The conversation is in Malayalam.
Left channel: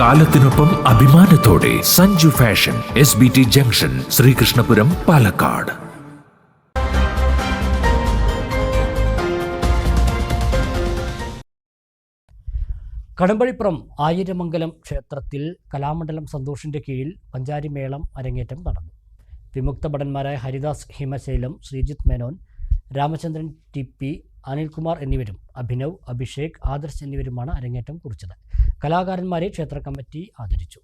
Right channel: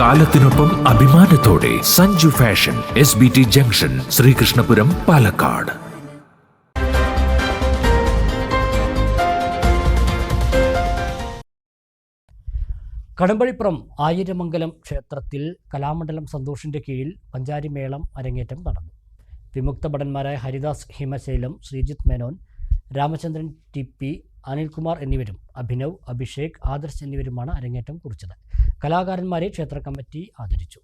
കാലത്തിനൊപ്പം അഭിമാനത്തോടെ Sanju fashion, SBT junction, Sreekrishnapuram, Palakkad. Kadambazhipuram Ayiramangalam ക്ഷേത്രത്തിൽ കലാമണ്ഡലം സന്തോഷിന്റെ കീഴിൽ പഞ്ചാരിമേളം അരങ്ങേറ്റം നടന്നു. വിമുക്ത ഭടന്മാരായ ഹരിദാസ് ഹിമശൈലം, ശ്രീജിത്ത് മേനോൻ, രാമചന്ദ്രൻ TP, അനിൽകുമാർ എന്നിവരും അഭിനവ്, അഭിഷേക്, ആദർശ് എന്നിവരുമാണ് അരങ്ങേറ്റം കുറിച്ചത്. കലാകാരന്മാരെ ക്ഷേത്ര കമ്മിറ്റി ആദരിച്ചു.